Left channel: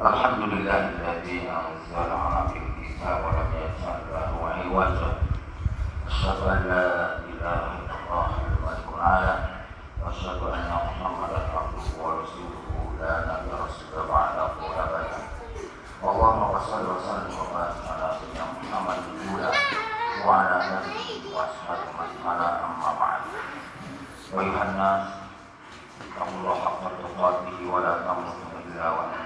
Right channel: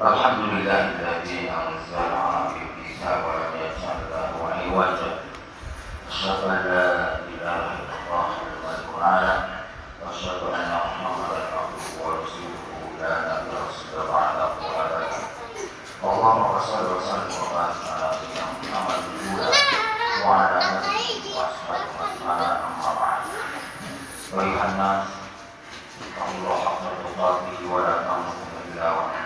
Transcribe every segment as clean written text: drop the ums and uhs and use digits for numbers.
Alhamdulillahilladzi anzala 'ala al-kitaba wa lam yaj'al lahu 'iwaja. Asyhadu an la ilaha illallah al-Malikul a'la wa asyhadu anna Muhammadan abduhu wa rasuluhu la nabiyya rasulullah ba'dahu abadan. Allahumma shalli wa sallim wa barik ala sayyidina Muhammadin wa ala alihi wa ashabihi amma ba'd. Ayuhan nas, Allah haqqa tuqatih wa la tamutunna illa wa antum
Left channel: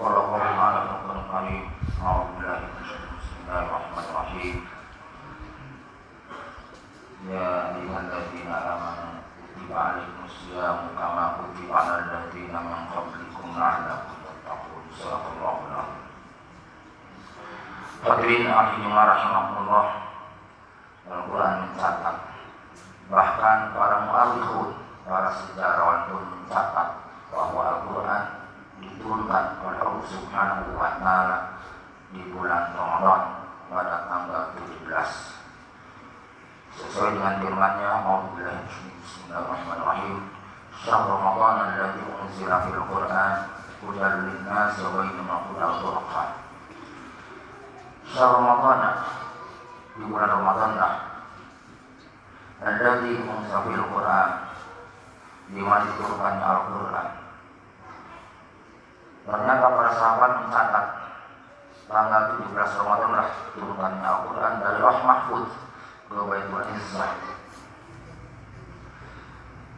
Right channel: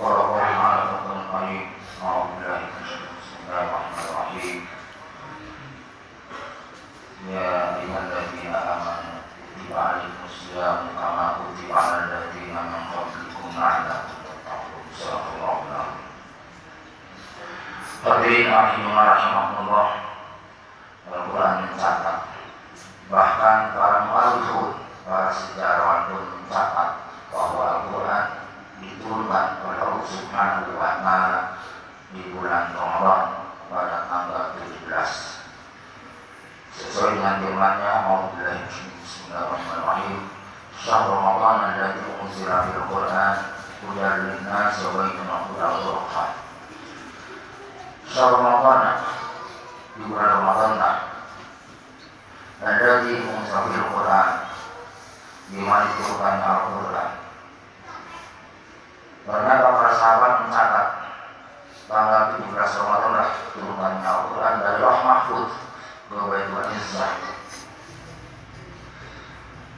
Bismillahirrahmanirrahim. Ya ayyuhalladzina amanu kutiba 'alaikumusyamu kama kutiba 'alal ladzina min qablikum la'allakum tattaqun. Shadaqallahu al-'azim. Hadirin rahimakumullah. Al-Quran mencatat, bahkan para mu'arrikhun, para sejarawan pun mencatat bahwa Al-Quran diturunkan oleh Allah Subhanahu wa Ta'ala di bulan Ramadan pada tanggal 17 sesuai dengan firman-Nya. Bismillahirrahmanirrahim. Syahrul Ramadan alladzi unzila fil Qur'an hudan lin-nasi wa bayyinatin minal huda wal furqan. Syahrul Ramadan, di bulan Ramadan alladzi unzila fil Qur'an, di mana diturunkannya Al-Qur'an. Ternyata para sahabat mencatat tanggal 17 Ramadan turunkannya Al-Quran dari Lauh Mahfuz ke Baitul Izzah.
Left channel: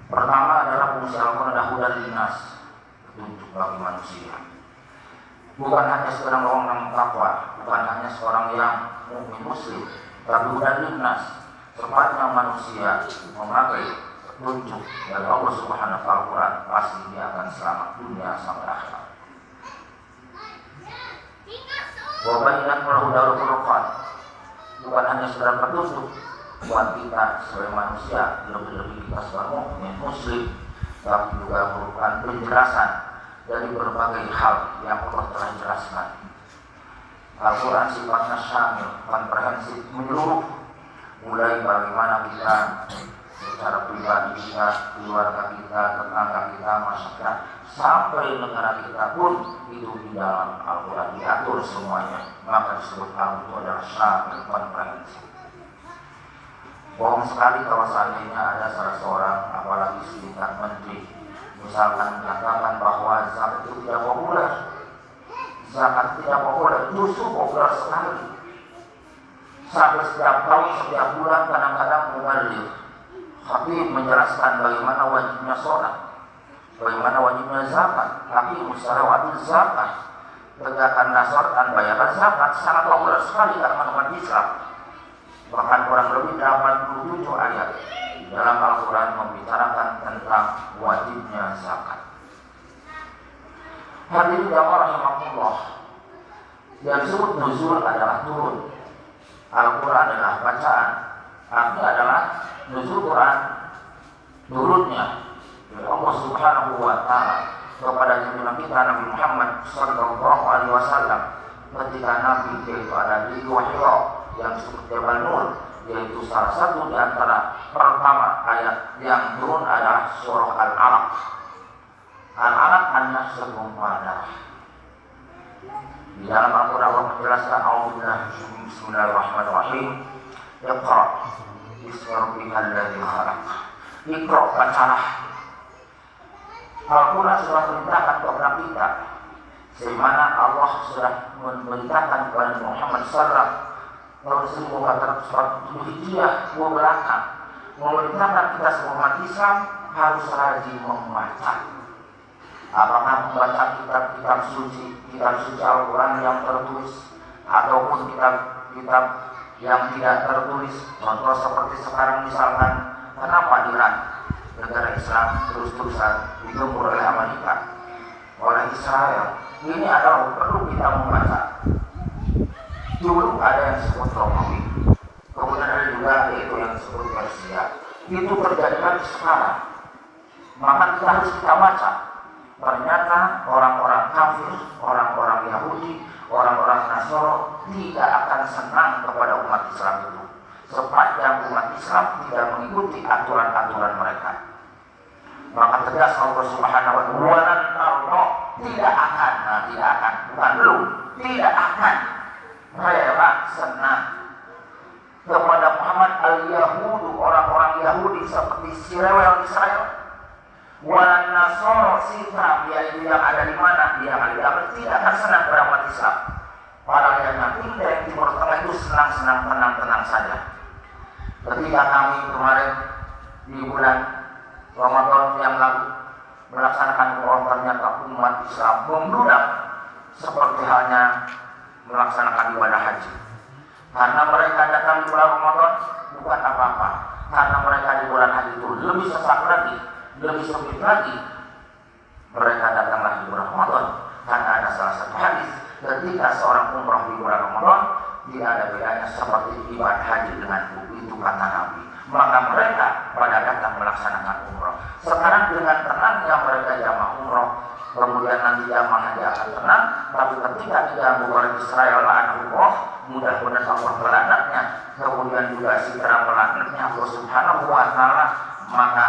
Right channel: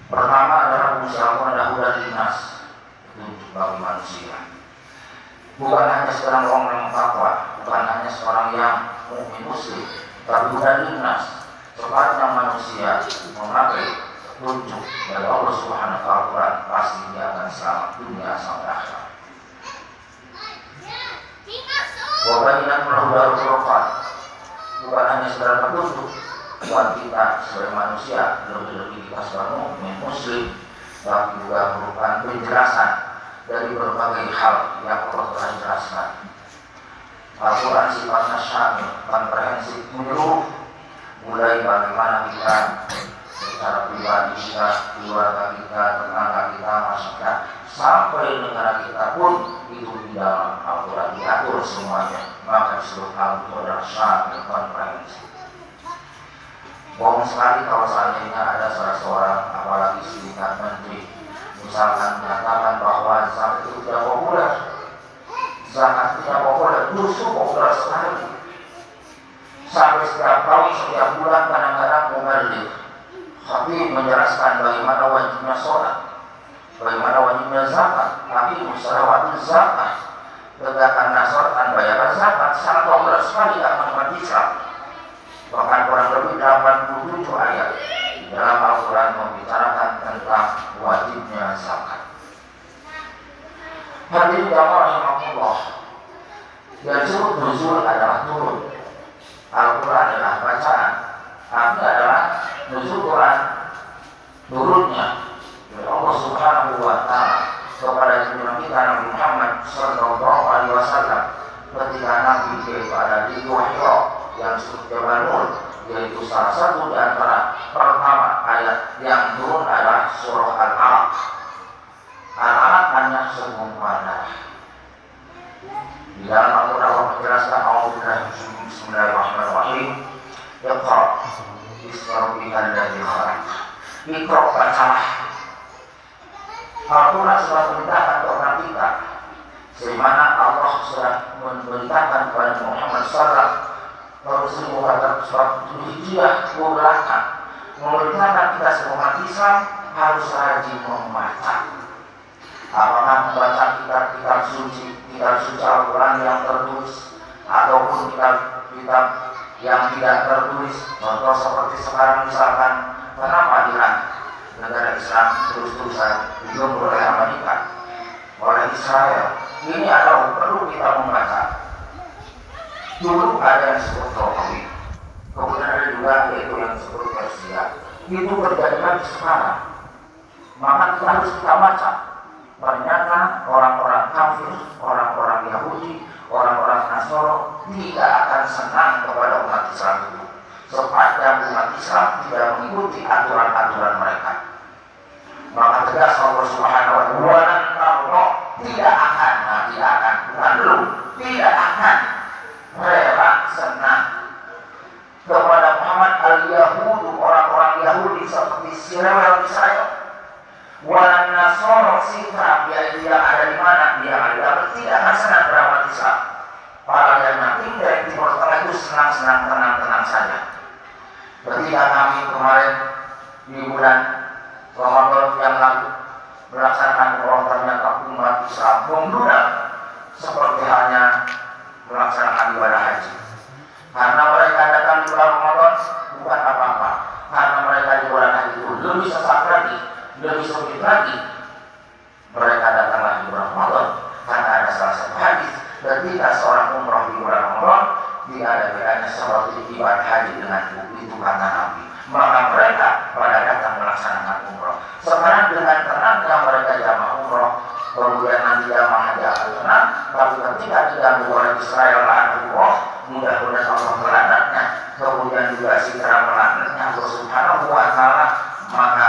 Pertama adalah fungsi Al-Quran hudan linnas, petunjuk bagi manusia. Bukan hanya seorang orang yang takwa, bukan hanya seorang yang mukmin muslim, tapi hudan linnas, sepanjang manusia memakai petunjuk dari Allah Subhanahu wa Ta'ala, pasti dia akan selamat dunia sampai akhirat. Wabayyinatin minal huda wal furqan, bukan hanya sekedar petunjuk buat kita sebagai manusia, lebih-lebih kita sebagai mukmin muslim, tapi juga merupakan penjelasan dari berbagai hal yang Allah telah jelaskan. Al-Quran sifatnya syamil, komprehensif, menyeluruh, mulai bagaimana kita secara pribadi kita, keluarga kita, tetangga kita, masyarakat, sampai negara kita pun itu di dalam Al-Quran diatur semuanya. Maka disebut hal itu adalah syamil, komprehensif. Bohong sekali kalau seandainya ada salah seorang, apalagi setingkat menteri, misalkan menyatakan bahwa zakat itu tidak populer. Zakat tidak populer, justru populer sekali. Sampai setiap tahun, setiap bulan kadang-kadang muballigh khatib menjelaskan bagaimana wajibnya sholat, bagaimana wajibnya zakat, tapi musyawarah zakat, tegakkanlah sholat dan bayarkan zakat, sangat populer sekali dalam umat Islam. Bahkan kurang lebih 87 ayat di dalam Al-Quran membicarakan tentang wajibnya zakat. Hadirin jamaah rahimakumullah, yang disebut nuzul adalah turun. Al-Quran adalah bacaan, artinya adalah nuzul Quran, turunnya dari Allah Subhanahu wa Ta'ala kepada junjungan kita Nabi Muhammad sallallahu alaihi wasallam ketika Nabi yaitu ada di Gua Hira yang disebut Jabal Nur, yaitu salah satu di antara pertama ayat yang turun adalah surah Al-Alaq. Al-Alaq hanya sebuah darah. Di dalam Al-Quran Allah menjelaskan Bismillahirrahmanirrahim. Iqra bismi rabbikal ladzi khalaq. Iqra, bacalah. Al-Quran sudah memerintahkan kepada kita, sebagaimana Allah sudah memerintahkan kepada Muhammad sallallahu alaihi wasallam surat Al-Hijrah belakang, memerintahkan kita semua umat Islam harus rajin membaca. Apakah membaca kitab suci Al-Quran yang tertulis ataupun kitab yang tidak tertulis. Contoh seperti sekarang misalkan, kenapa Iran, negara Islam, terus-terusan digempur oleh Amerika, oleh Israel? Ini adalah perlu kita membaca. Dulu ada yang disebut Romawi, kemudian ada juga yaitu yang disebut Persia. Itu terjadi lagi sekarang. Maka kita harus kita baca. Ternyata orang-orang kafir, orang-orang Yahudi, orang-orang Nasrani tidak akan senang kepada umat Islam itu, sepanjang umat Islam tidak mengikuti aturan-aturan mereka. Maka tegas Allah Subhanahu wa Ta'ala, tidak akan rela senang kepada Muhammad al-Yahudu, orang-orang Yahudi seperti si rewel Israel, wal Nasara Sifra, yaitu yang ada di mana dia ada, tidak akan senang berawat Islam. Para yang nanti dari Timur Tengah itu senang-senang, tenang-tenang saja. Ketika kami kemarin di bulan Ramadan yang lalu melaksanakan umroh, ternyata umat Islam membludak seperti halnya melaksanakan ibadah haji. Karena mereka datang di bulan Ramadan bukan apa-apa. Karena mereka di bulan haji itu lebih sesak lagi, lebih sulit lagi. Mereka datanglah di bulan Ramadan karena ada salah satu hadis ketika seorang umroh di bulan Ramadan tidak ada bedanya seperti ibadah haji dengan itu kata Nabi. Maka mereka pada datang melaksanakan umroh. Sekarang dengan tenangnya mereka jamaah umroh, kemudian nanti jamaah haji akan tenang. Tapi ketika diganggu oleh Israel umroh, mudah-mudahan Allah melanatnya, kemudian juga Sitra melanatnya Allah Subhanahu wa Ta'ala, maka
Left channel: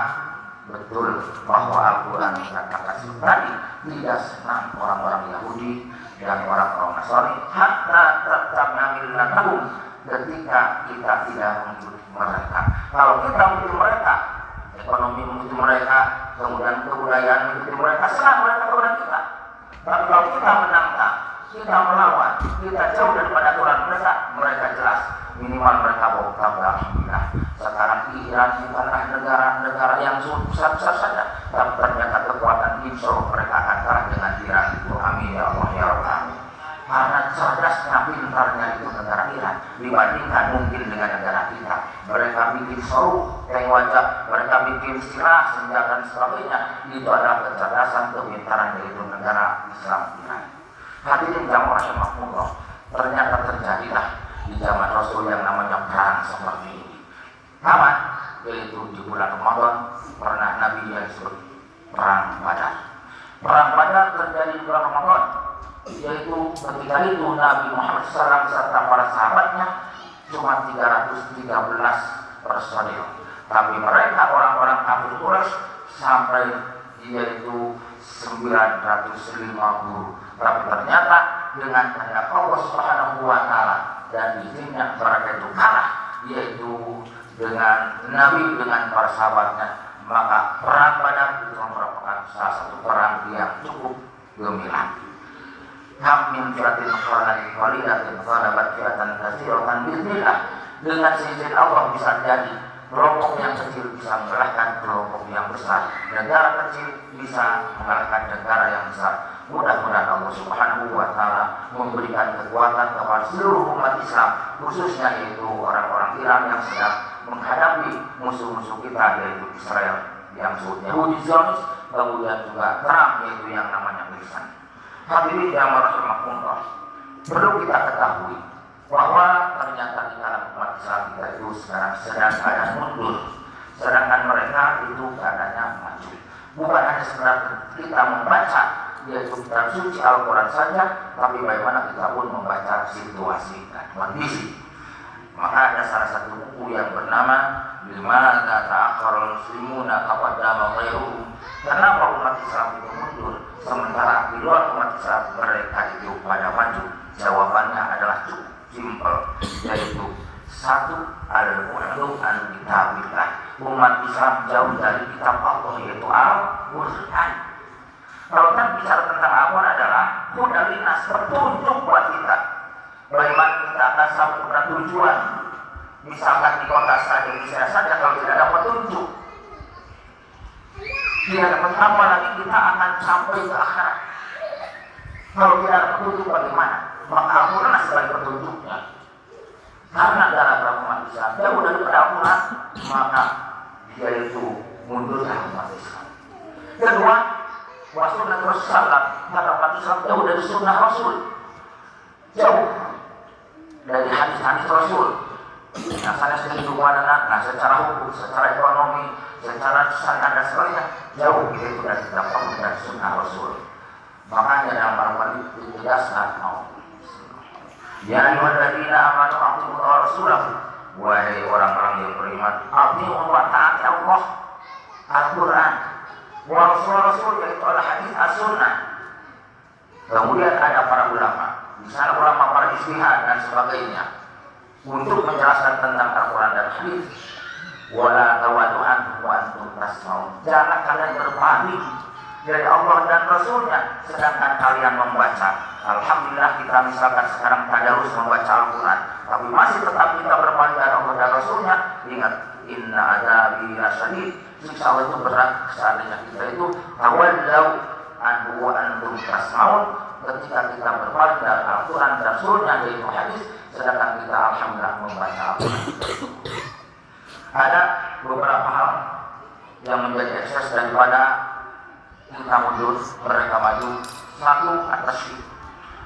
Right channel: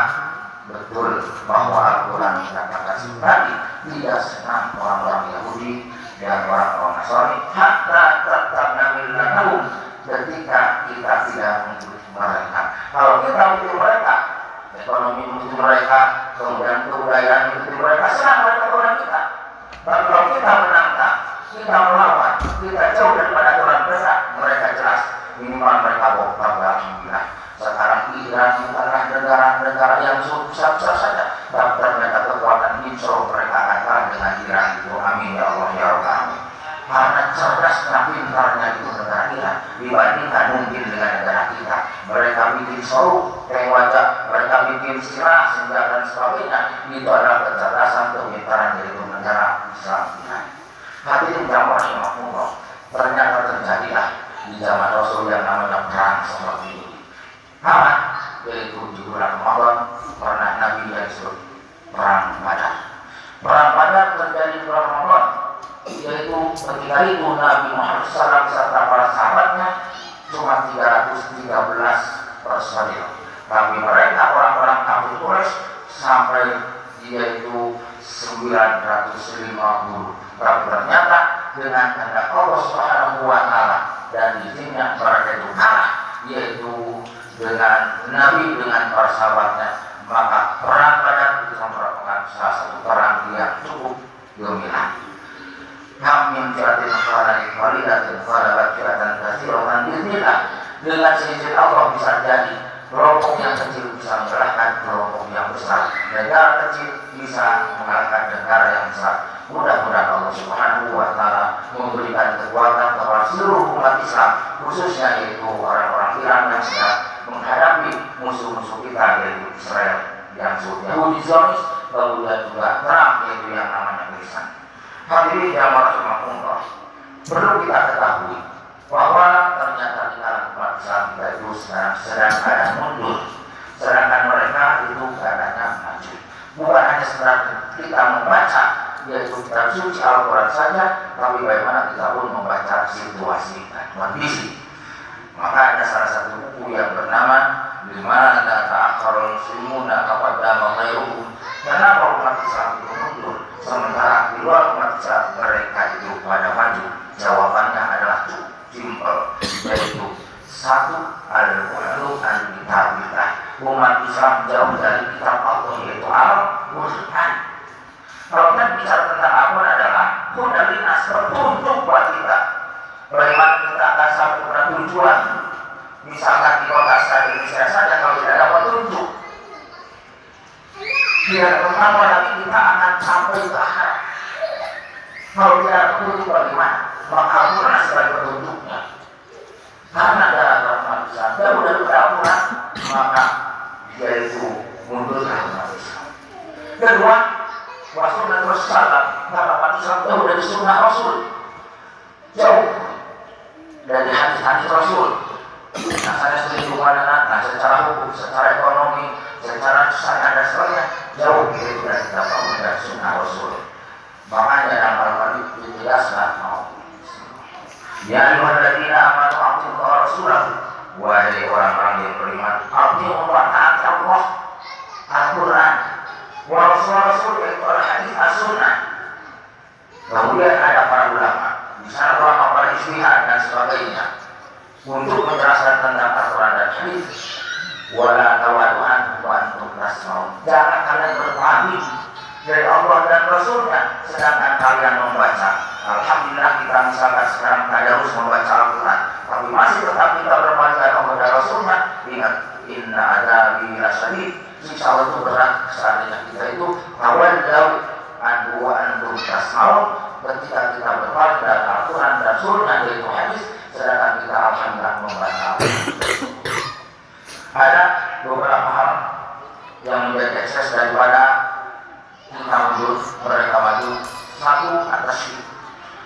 betul bahwa Al-Quran mengatakan tadi tidak senang orang-orang Yahudi dan orang-orang Nasrani hatta tattabna millatahum, ketika kita tidak mengikuti mereka. Kalau kita mengikuti mereka, ekonomi mengikuti mereka, kemudian kebudayaan mengikuti mereka, senang mereka kepada kita. Tapi kalau kita menantang, kita melawan, kita jauh daripada aturan mereka, mereka jelas minimal mereka bongkar. Alhamdulillah. Sekarang Iran bukanlah negara-negara yang besar-besar saja, tapi ternyata kekuatan insya Allah mereka akan kalah dengan Iran itu. Amin ya Allah ya Rabbal. Karena cerdasnya, pintarnya itu negara Iran dibandingkan mungkin dengan negara kita. Mereka bikin seru, wajah, mereka bikin silah, senjata dan sebagainya. Itu adalah kecerdasan, kepintaran dari negara Islam Iran. Hadirin yang rahimahullah, ternyata terjadilah di zaman Rasul yang namanya perang seperti ini. Kapan? Yaitu di bulan Ramadan, pernah Nabi yang disebut perang Badar. Perang Badar terjadi di bulan Ramadan, yaitu ketika itu Nabi Muhammad SAW beserta para sahabatnya cuma 313 personil. Tapi mereka orang-orang kafir Quraisy sampai yaitu 950. Tapi ternyata dengan kehendak Allah Subhanahu wa Ta'ala dan izinnya mereka itu kalah, yaitu dengan Nabi dengan para sahabatnya. Maka perang Badar itu merupakan salah satu perang yang cukup gemilang. Hamim jiratin khalani khalidatin khalabat jiratan kasiratan bismillah. Dengan seizin Allah bisa jadi kelompok yang kecil bisa mengalahkan kelompok yang besar. Negara kecil bisa mengalahkan negara yang besar. Mudah-mudahan Allah Subhanahu wa Ta'ala memberikan kekuatan kepada seluruh umat Islam, khususnya yaitu orang-orang Iran yang sedang menghadapi musuh-musuh kita, yaitu Israel yang Yahudi Zionis, kemudian juga Trump yaitu yang namanya Kristen. Hadirin yang rahimahullah, perlu kita ketahui bahwa ternyata di dalam umat Islam kita itu sedang keadaan mundur, sedangkan mereka itu keadaannya maju. Bukan hanya sekedar kita membaca yaitu kitab suci Al-Quran saja, tapi bagaimana kita pun membaca situasi dan kondisi. Maka ada salah satu buku yang bernama Dimana Ta'akharul Muslimuna Qaddama Ghairuhum. Kenapa umat Islam itu mundur sementara di luar umat Islam mereka itu pada maju? Jawabannya adalah cukup simpel, yaitu satu, al-qulu an-kitabillah. Umat Islam jauh dari kitab Allah yaitu Al-Quran. Kalau kita bicara tentang Al-Quran adalah hudalinas, petunjuk buat kita. Bagaimana kita akan sampai kepada tujuan. Misalkan di kota Indonesia saja, kalau tidak ada petunjuk, tidak ada petunjuk lagi kita akan sampai ke akhirat. Kalau tidak ada petunjuk bagaimana? Maka Al-Quran sebagai petunjuknya. Karena dalam umat Islam jauh daripada Al-Quran, maka dia itu mundurlah umat Islam. Kedua, Rasulullah SAW, karena umat Islam jauh dari sunnah Rasul, jauh dari hadis-hadis Rasul. Nah, saya setuju mana, nah secara hukum, secara ekonomi, secara syariat dan sebagainya, jauh dari kitab Allah dan sunnah Rasul. Makanya dalam Al-Quran itu dijelaskan mau. Ya ayyuhalladzina amanu atii'u Rasulahu, wahai orang-orang yang beriman, atii'u wa taati Allah, Al-Quran, wa Rasul yaitu hadis as-sunnah. Kemudian ada para ulama, di sana ulama para istihad dan sebagainya untuk menjelaskan tentang aturan dan hadis. Wala tawadu'an wa antum tasma'un. Jangan kalian berpaling dari Allah dan Rasulnya sedangkan kalian membaca. Alhamdulillah kita misalkan sekarang tadarus membaca Al-Quran, tapi masih tetap kita berpaling dari Allah dan Rasulnya. Ingat, inna adabi lasyadid. Insya Allah itu berat seandainya kita itu tawadau anhu wa antum tasma'un. Ketika kita berpaling dari Al-Quran dan Rasulnya yaitu hadis, sedangkan kita alhamdulillah membaca. Ada beberapa hal yang menjadi ekses daripada kita mundur, mereka maju. Satu, atas syirik.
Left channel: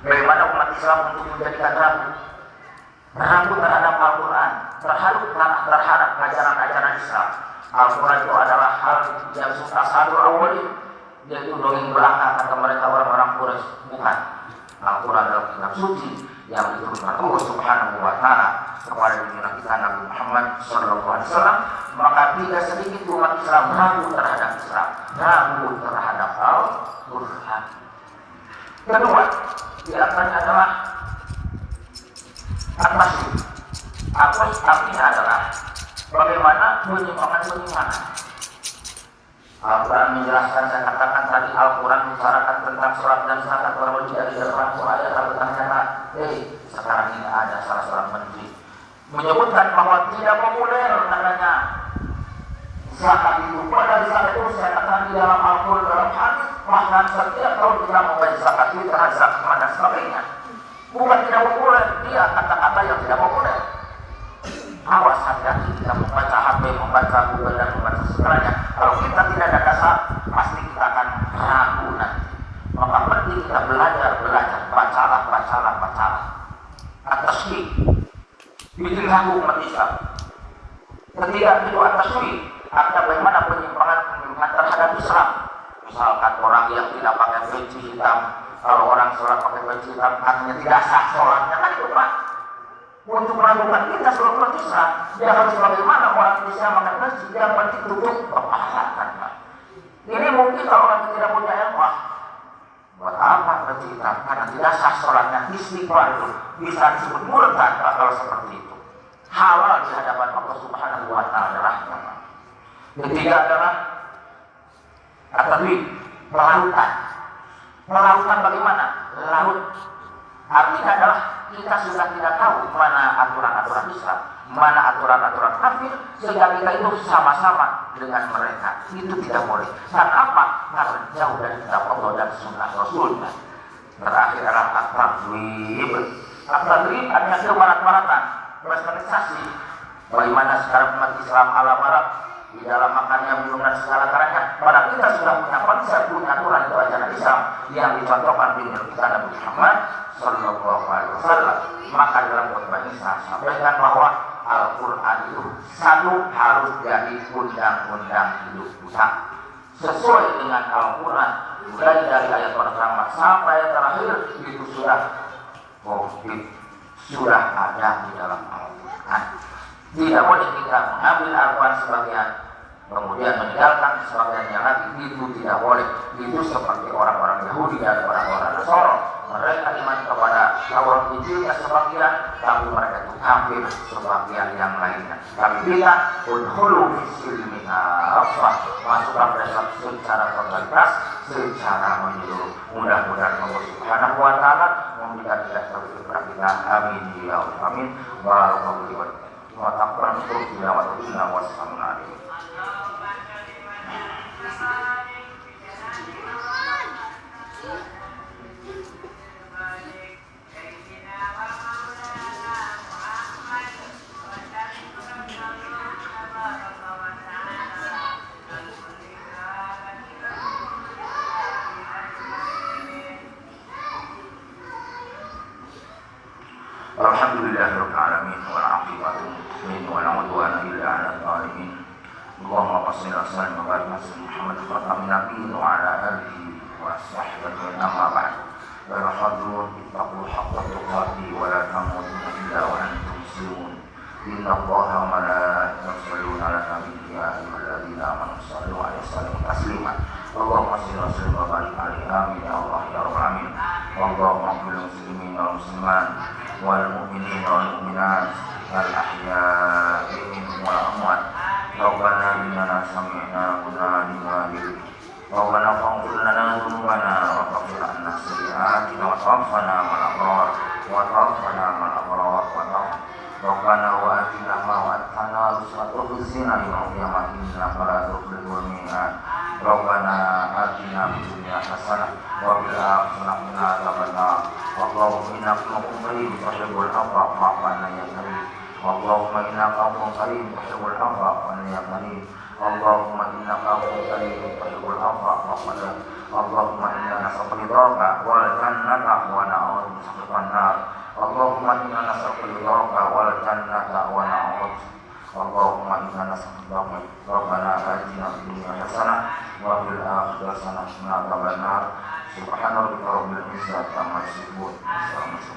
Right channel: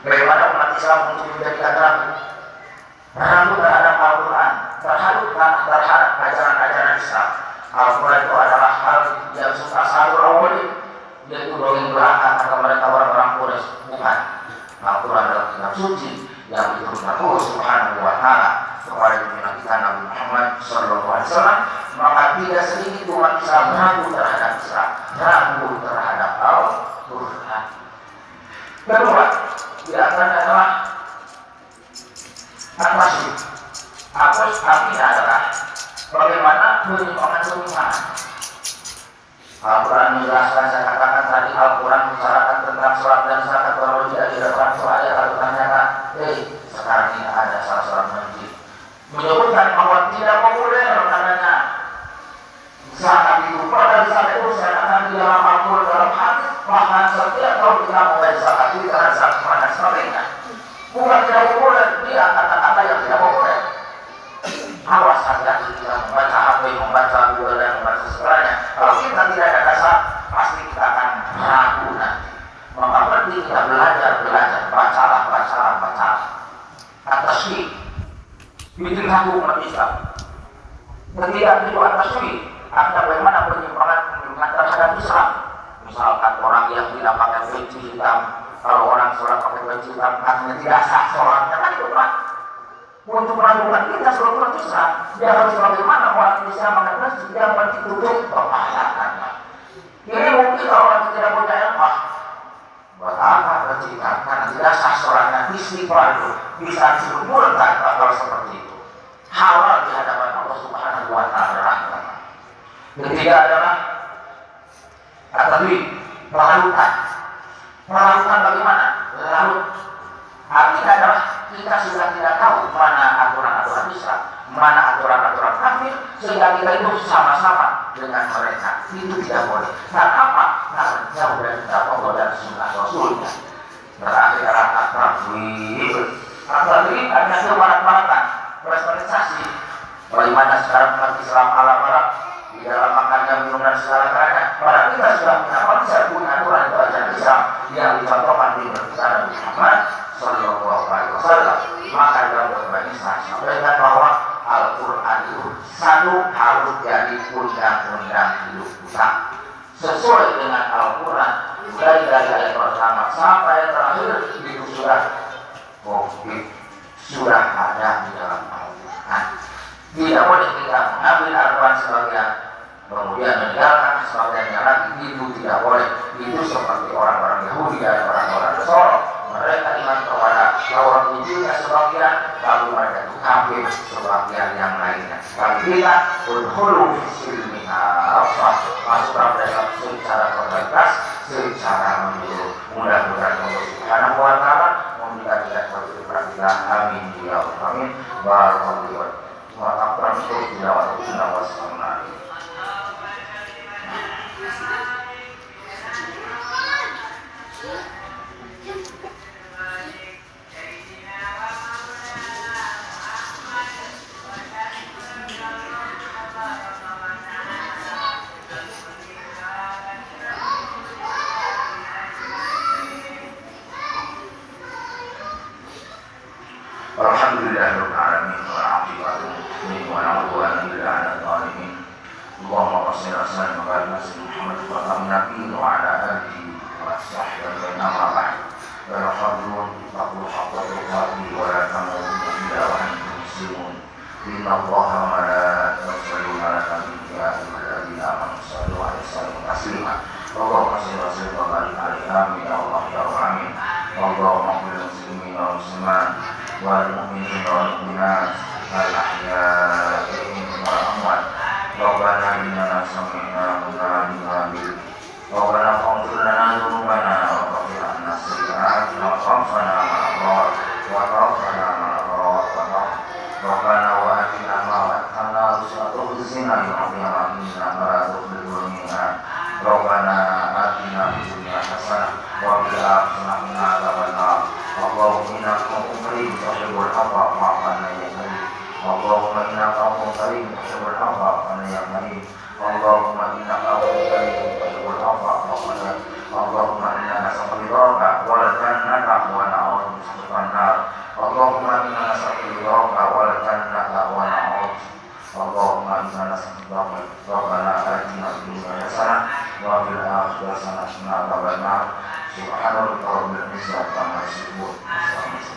Bagaimana umat Islam untuk menjadikan ragu terhadap Al-Quran, terhadap ajaran-ajaran Islam. Al-Quran itu adalah hal yang suka satu awalin, yaitu dongeng belaka kata mereka orang-orang Quraisy. Bukan. Al-Quran adalah kitab suci yang diturunkan Allah Subhanahu wa Ta'ala kepada junjungan kita Nabi Muhammad SAW. Maka tidak sedikit umat Islam ragu terhadap Islam, ragu terhadap Al-Quran. Kedua, di antaranya adalah at-tasydid. Artinya adalah bagaimana penyimpangan-penyimpangan. Al-Quran menjelaskan, saya katakan tadi, Al-Quran membicarakan tentang sholat dan zakat, baru tidak di depan soalnya lalu ternyata, sekarang ini ada salah seorang masjid menyebutkan bahwa tidak populer katanya zakat itu. Pada saat itu saya katakan di dalam Al-Quran, dalam hadis, bahkan setiap tahun kita membayar zakat, kita zakat dan sebagainya. Bukan tidak populer, dia kata-kata yang tidak populer. Awas hati-hati kita membaca HP, membaca Google dan membaca segalanya. Kalau kita tidak ada dasar, pasti kita akan ragu nanti. Maka penting kita belajar, bacalah. Atas syirik, bikin ragu umat Islam. Ketika itu atas syirik, ada bagaimana penyimpangan terhadap Islam. Misalkan orang yang tidak pakai peci hitam, kalau orang sholat pakai peci hitam, artinya tidak sah sholatnya, kan itu Pak. Untuk meragukan kita seluruh Islam, dia harus bagaimana orang Islam mengatakan dia pasti tutup kepahalatannya. Ini mungkin kalau orang tidak punya ilmu, buat apa bercerita? Karena tidak sah sholatnya, istighfar itu bisa disebut murtad kalau seperti itu. Halal di hadapan Allah Subhanahu wa Ta'ala. Ketiga adalah at-tadwin, pelarutan. Pelarutan bagaimana? Larut. Artinya adalah kita sudah tidak tahu mana aturan-aturan Islam, mana aturan-aturan kafir, sehingga kita itu sama-sama dengan mereka. Itu tidak boleh. Karena apa? Karena jauh dari kitab Allah dan sunnah Rasulnya. Terakhir adalah at-tadwin. At-tadwin hanya kebarat-baratan, personalisasi. Bagaimana sekarang umat Islam ala-ala di dalam makannya, minum dan segala karanya. Padahal kita sudah punya konsep, punya aturan itu ajaran Islam yang dicontohkan di Nabi Muhammad Sallallahu Alaihi Wasallam. Maka dalam khutbah ini saya sampaikan bahwa Al-Quran itu satu harus jadi undang-undang hidup kita sesuai dengan Al-Quran dari ayat pertama sampai terakhir itu sudah ada di dalam Al-Quran. Tidak boleh kita mengambil Al-Quran sebagian kemudian meninggalkan sebagiannya lagi, itu tidak boleh. Itu seperti orang-orang Yahudi dan orang-orang Nasrani. Mereka iman kepada Taurat Injilnya sebagian, tapi mereka itu kafir sebagian yang lainnya. Tapi kita udhulu fisilmi nafsah, masukkan mereka secara totalitas, secara menyeluruh. Mudah-mudahan Allah Subhanahu wa Ta'ala memberikan kita seperti kita. Amin ya Allah. Amin. Barakallahu fiikum. Wa taqabbal minna wa taqabbal wa sallallahu. Alhamdulillahirabbil alamin wal 'aqibatu lil muttaqin wa la 'udwana illa 'alal zalimin. Allahumma shalli ala sayyidina Muhammad wa ala alihi wa ala alihi wa sahbihi amma ba'd. La hawla wa la quwwata wa la tamutunna illa wa antum muslimun. Inna Allaha wa malaikatahu yusholluna 'alan nabi ya ayyuhalladzina amanu shallu 'alaihi wa sallimu taslima. Allahumma shalli wa sallim wa barik 'alaihi ya Allah ya rabbal alamin. Allahumma qul muslimin wal muslimat wal mu'minin wal mu'minat al ahya'i minhum wal amwat. Rabbana innana sami'na munadiyan Rabbana faghfir lana dzunubana wa kaffir 'anna sayyi'atina wa tawaffana ma'al abrar wa tawaffana ma'al abrar wa Rabbana wa atina ma wa'adtana rusula tukhzina yawma qiyamah innaka la tukhliful mi'ad. Rabbana atina fid dunya hasanah wa fil akhirati qina adzabannar. Allahumma innaka afuwwun karim tuhibbul 'afwa fa'fu 'anna ya karim. Allahumma innaka afuwwun karim tuhibbul 'afwa fa'fu 'anna ya karim. Allahumma innaka afuwwun karim tuhibbul 'afwa fa'fu 'anna. Allahumma inna nas'aluka ridhaka wal jannata wa na'udzu bika minan nar. Allahumma inna nas'aluka ridhaka wal jannata wa na'udzu. Allahumma inna nas'aluka Rabbana atina fid dunya hasanah wa fil akhirati hasanah wa qina adzabannar. Subhana rabbika rabbil izzati amma yasifun.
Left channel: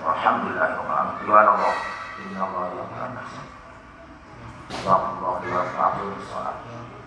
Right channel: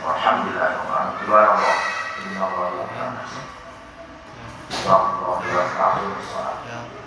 Walhamdulillahi rabbil alamin. Inna Allaha wa malaikatahu yusalluna 'alan nabi.